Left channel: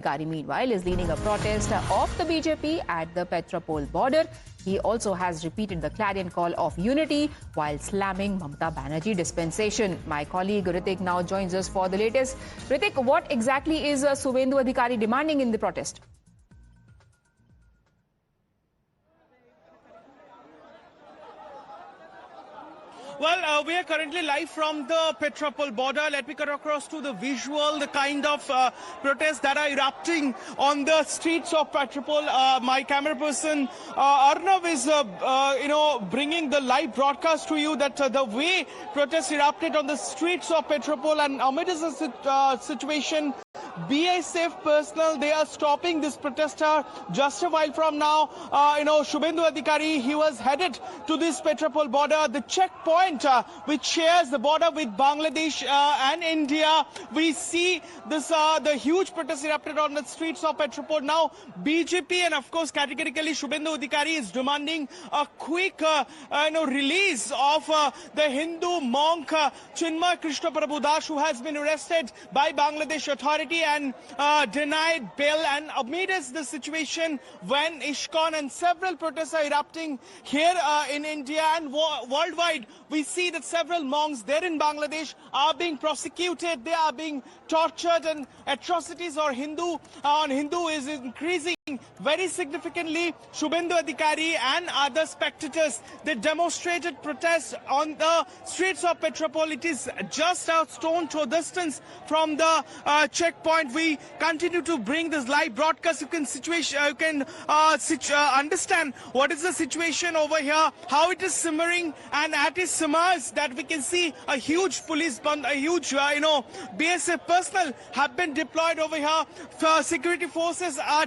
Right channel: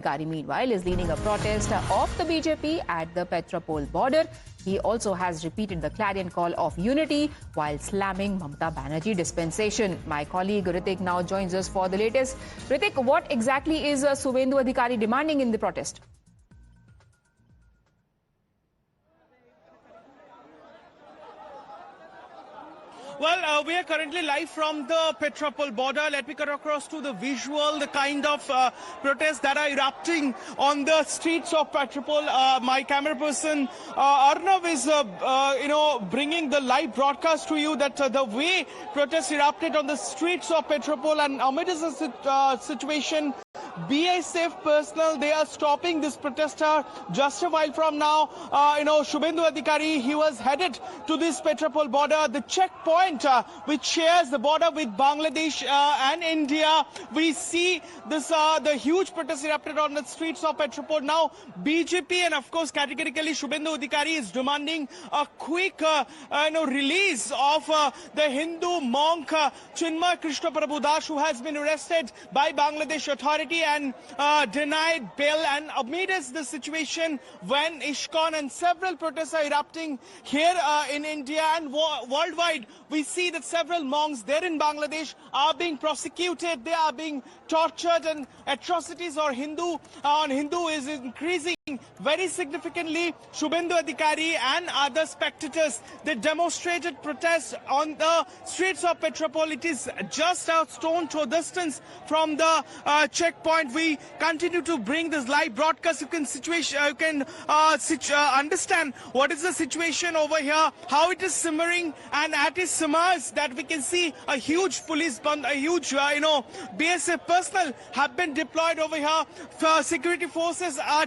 Adhikari, meanwhile, is leading a protest of the BJP at the Petropol border. He also has repeated the clarion call of unity while slamming Mamata Banerjee dispensation. My colleague Ritik now joins us for the latest. Ritik, what exactly is Suvendu Adhikari demanding in the protest? Well, we are currently live from the Petropol border. Let me cut across to the visual, the kind of protests that are erupting on the streets of Petropol. My camera person Arnav is, bringing the live broadcast to you that the way protests erupted on the streets of Petropol, and amid this situation, BSF personnel, they are stopping this protester just a while from now. Suvendu Adhikari, he was headed to this Petropol border, the checkpoint which shares the border with Bangladesh and India. We see this the huge protest erupted on the streets of Petropol. Now BJP and of course categorically Suvendu Adhikari is demanding a quick release of the Hindu monk Chinmay Krishna Prabhu Das, who has been arrested by Bangladesh authority and denied bail. And amidst the situation when ISKCON and several protests are erupting here in India and worldwide, we see that several monks there in Bangladesh are being prosecuted, they are being tortured, and atrocities on Hindu is increasing very significantly. Suvendu Adhikari and other spectators, they demonstrated protests on the streets of Petropol. It is just a stone's throw distance from the checkpoint. We continue to bring this live broadcast. You can understand what is the situation over here, how it is simmering, and at its simmers that we can see a huge police band, a huge BSF personnel have been deployed over here. Security forces are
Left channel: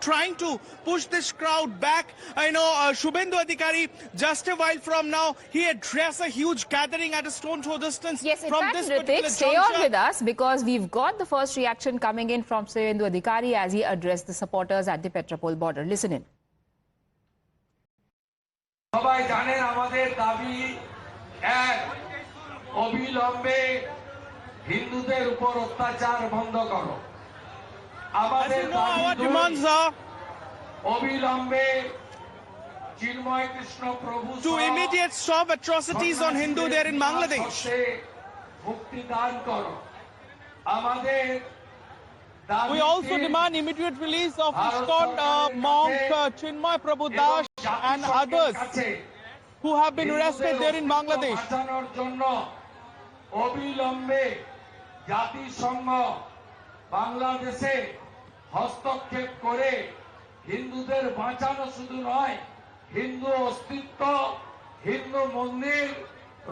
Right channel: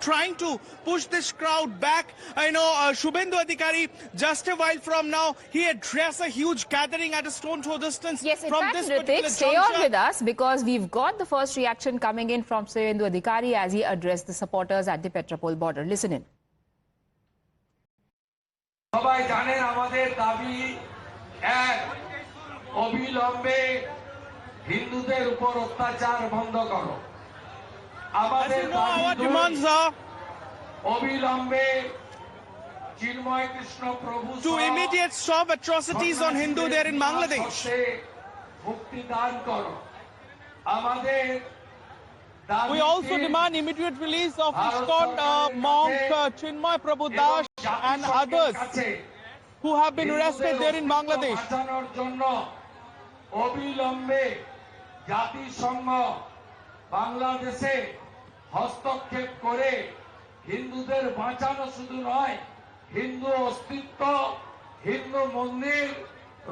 trying to push this crowd back. Suvendu Adhikari, just a while from now, he addressed a huge gathering at a stone throw distance. Yes, in from fact, this Ritik, stay on with us because we've got the first reaction coming in from Suvendu Adhikari as he addressed the supporters at the Petropol border. Listen in. সবাই জানেন আমাদের দাবি এক, অবিলম্বে হিন্দুদের উপর অত্যাচার বন্ধ করো। আমাদের দাবি অবিলম্বে চিন্ময় কৃষ্ণ প্রভু to immediate stop atrocities on Hindu there in Bangladesh. মুক্তি দান করো। আমাদের We also demand immediate release of ISKCON monk Chinmay Prabhu Das and others who have been arrested there in Bangladesh. বাঁচানোর জন্য অবিলম্বে জাতিসংঘ বাংলাদেশে হস্তক্ষেপ করে হিন্দুদের বাঁচানো শুধু নয়, হিন্দু অস্তিত্ব, হিন্দু মন্দির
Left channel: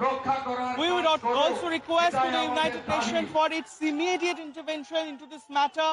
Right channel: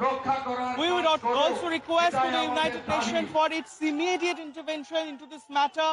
রক্ষা করার। We would also request to the United Nations for its immediate intervention into this matter.